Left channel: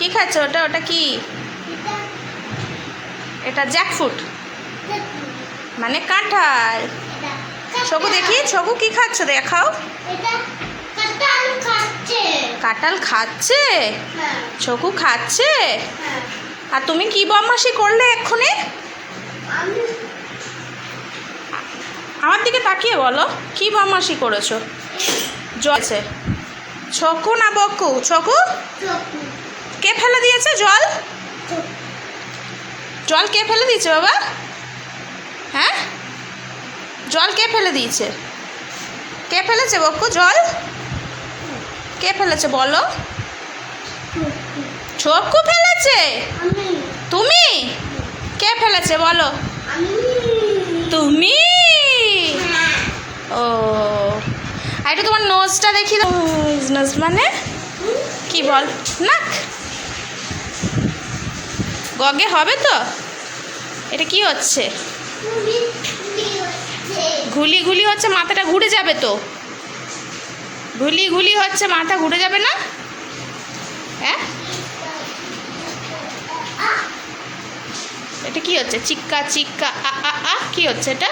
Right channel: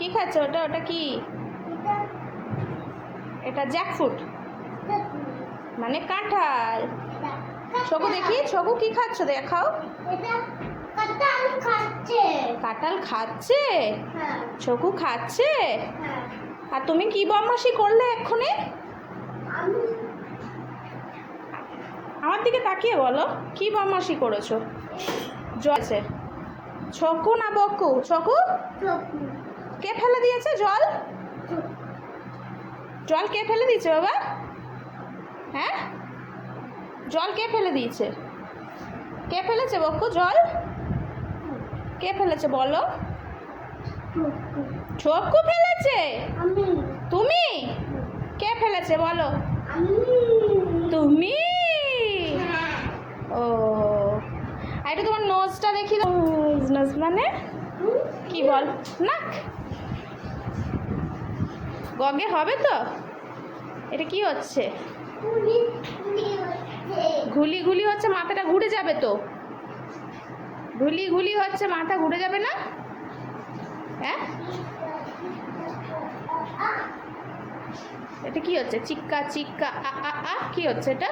কি খাচ্ছ? ওটা ওটা কি? এটা জ্যাকফুট মানে কাঁঠাল। ছকু দেখি ছকু কি খাচ্ছ? দেখাও। কাঁঠাল খাচ্ছে? ছকু খাচ্ছে? আর তুমি কি বদমাসি করলে এক্ষুনি? আমার দিকে তাকিয়ে বলো, কি বদমাসি করেছ? জলছে ছকু না বকু? ছকু? কে ফেলে দিয়েছে? জল? জল কে ফেলে দিয়েছে বাবা? হ্যাঁ? জল কে ফেলে দিয়েছে? কে ফেলেছে বকু? জল? কে ফেলেছে বলো? ছকু ফেলেছে? তুমি? কে ফেলেছে বলো? তুমি? ও, আর একটু তোমার নোজটা দেখি। নোজ মানে? কি বল? নাক? গগে হবে তো? এটা কি হচ্ছে? ঘুলি ঘুলি হচ্ছে, মাথাটা ঘুরে যাবে তো? ঘুলি ঘুলি হচ্ছে, মাথা ঘুরে যাবে না? হ্যাঁ? এটা কি হচ্ছে? চিক্কা চিক্কা, আ আ আ, কি হচ্ছে এটা?